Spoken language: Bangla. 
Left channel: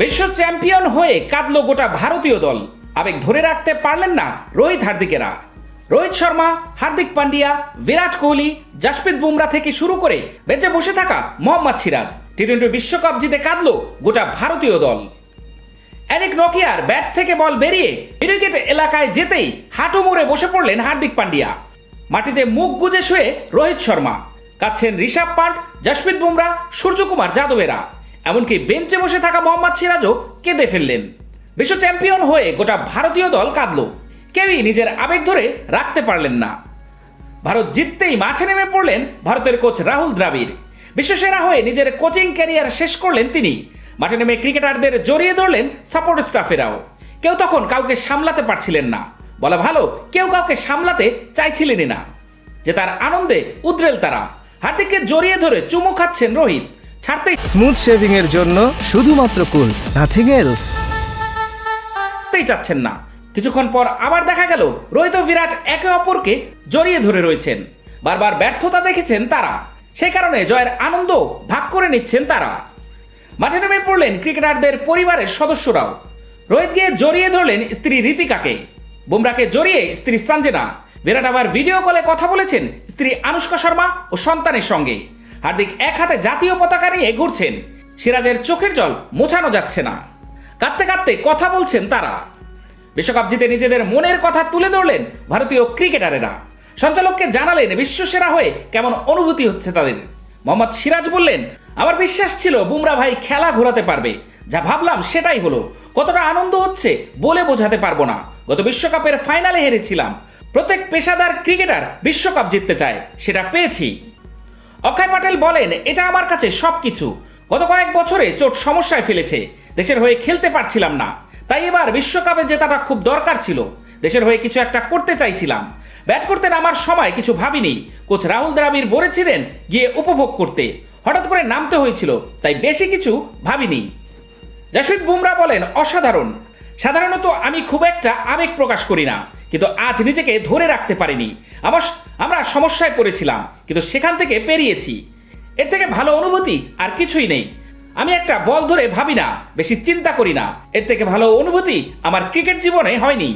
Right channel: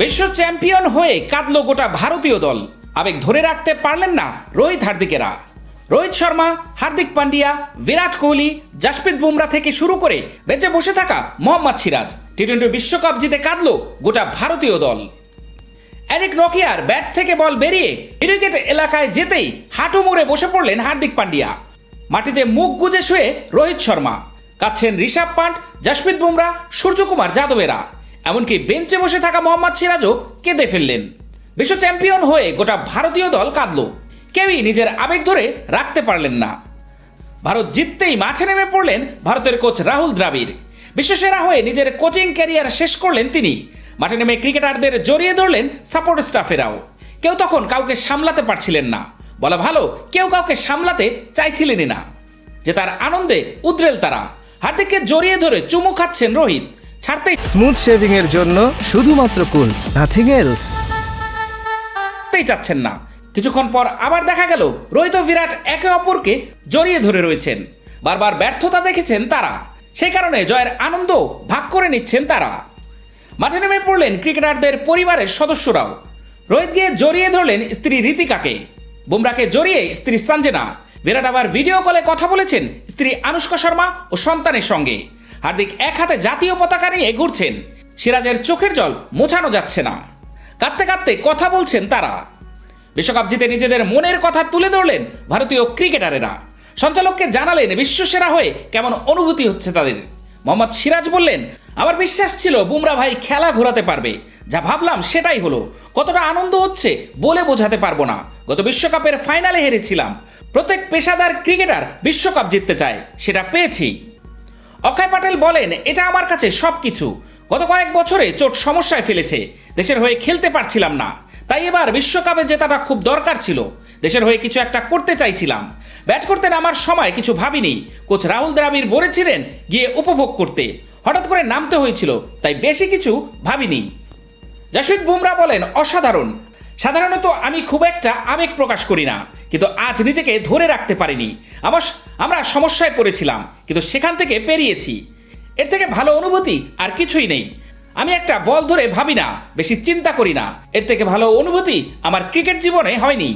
বিশ্ব চ্যাম্পিয়ন হয়ে কাঁদল গোটা ভারতীয় দল। আবেগ ধরে রাখতে পারলেন না রোহিত হার্দিকেরা। রোহিত শর্মা, হার্দিক পান্ডিয়া, বিরাট কোহলি, জাসপ্রীত বুমরা থেকে শুরু করে বেঁচে বসে থাকা মোহাম্মদ সিরাজ টি টোয়েন্টি বিশ্বকাপ জিতে কাঁদল গোটা ভারতীয় দল। এরিক নকিয়ার ব্যাট থেকে বল বেরিয়ে উইকেট এলাকায় যেতেই হাঁটু মুড়ে বসে পড়লেন হার্দিক পান্ডিয়া। মাটিতে মুখ গুজে শুয়ে রোহিত শর্মা। কাচ্ছেন ঋষভ পান্ট, জাসপ্রীত বুমরা, সূর্যকুমার যাদবেরা। এমনকি বেঞ্চে বসে থাকা মোহাম্মদ সিরাজও কেঁদে ফেললেন। বিশ্ব চ্যাম্পিয়ন হয়ে গোটা ভারতীয় দল কাঁদল। কেউই নিজের আবেগ ধরে রাখতে পারলেন না। ভারত জিততেই মাঠে নেমে পড়লেন ভারতের কোচ রাহুল দ্রাবিড়। বিশ্বসেরা হয়ে নিজের কোচিং ক্যারিয়ার শেষ করলেন তিনি। মাঠে নেমে ক্রিকেটারদের জড়িয়ে ধরলেন সাপোর্ট স্টাফেরাও। কেউ তখন কাউকে সামলাতে পারছিলেন না। বলা ভালো, কেউ কাউকে সামলাতে চাইছিলেনই না। যে তার আনন্দে উদ্রেল তারা। হার্দিককে জড়িয়ে ধরে চুমু খাচ্ছেন রোহিত। ছাড়তেই স্মুথ শেভিং এর জন্য শুধুমাত্র কুল নাথিং এলস ছাড়তেই চাচ্ছেন না। কিছুক্ষণ পর আবার দেখা গেল, রোহিত বিরাট একে অপরকে জড়িয়ে ধরে রয়েছেন। বারবার ব্যর্থতা দেখেছেন তারা। সেই কারণে জয়ের আনন্দ ভাগ করে নিচ্ছেন তারা। মাঠে নেমে পড়লেন ক্রিকেটারদের পরিবারের সদস্যরাও। রোহিত গিয়ে জড়িয়ে ধরলেন স্ত্রী রীতিকাকে বুমরাকে জড়িয়ে স্ত্রী সঞ্জনা। বিরাট আবার ভিডিও কলে কথা বলেছেন স্ত্রী আনুষ্কা শর্মা ও সন্তানের সঙ্গে। হার্দিক এক হাতে জাতীয় পতাকা নিয়ে ঘুরছেন। সিরাজের চোখের জল মোছানো যাচ্ছে না। কাঁদতে কাঁদতে কথা বলছেন তারা। বিশ্বকাপ জিতে নিজেদের মনের কথা তুলে ধরলেন ভারতীয় ক্রিকেটারেরা। সঞ্চালককে জানালেন বিশ্বসেরা হয়ে কেমন অনুভূতি হচ্ছে তাদের। মোহাম্মদ সিরাজ বললেন, আমার বিশ্বাস ছিল বুমরা ভাই খেলা ঘোরাতে পারবে। যা ভাবলাম সেটাই হলো। কতটা আনন্দ হচ্ছে বলে বোঝাতে পারব না। গত বিশ্বকাপের ফাইনালে হেরেছিলাম। প্রত্যেক পেশাদার ক্রিকেটার বিশ্বকাপ জিততে চায়, সেটা পেয়েছি। অক্ষয় পাটেল বলেন, এটা আমার কাছে সবকিছু। গত কয়েক বছরে চোট সমস্যায় ফেলেছে। দেশের হয়ে খেলতে পারছিলাম না। তাই এবার বিশ্বকাপে জেতাটা খুব দরকার ছিল। দেশের হয়ে কিছু একটা করতে চাইছিলাম। ব্যাট করতে নামার সময় কিছু ভাবিনি। কোচ রাহুল দ্রাবিড় বলেছিলেন, গিয়ে উপভোগ করতে। হঠাৎ করে নামতে হয়েছিল, তাই বেশি কিছু ভাবিনি। জাসপ্রীত বুমরা বলেন, অসাধারণ। সাধারণত আমি খুব একটা আবেগ প্রকাশ করি না, কিন্তু আজ নিজেকে ধরে রাখতে পারিনি। আমার আমরা সমস্যায় পড়েছিলাম, কিন্তু সেখান থেকে পেরিয়েছি। এর থেকে ভালো অনুভূতি আর কিছুই নেই। আমি একটা বল ধরে ভাবি না, বেশি চিন্তা করি না। এর থেকে ভালো অনুভূতি আমার ক্রিকেট জীবনে হয়নি।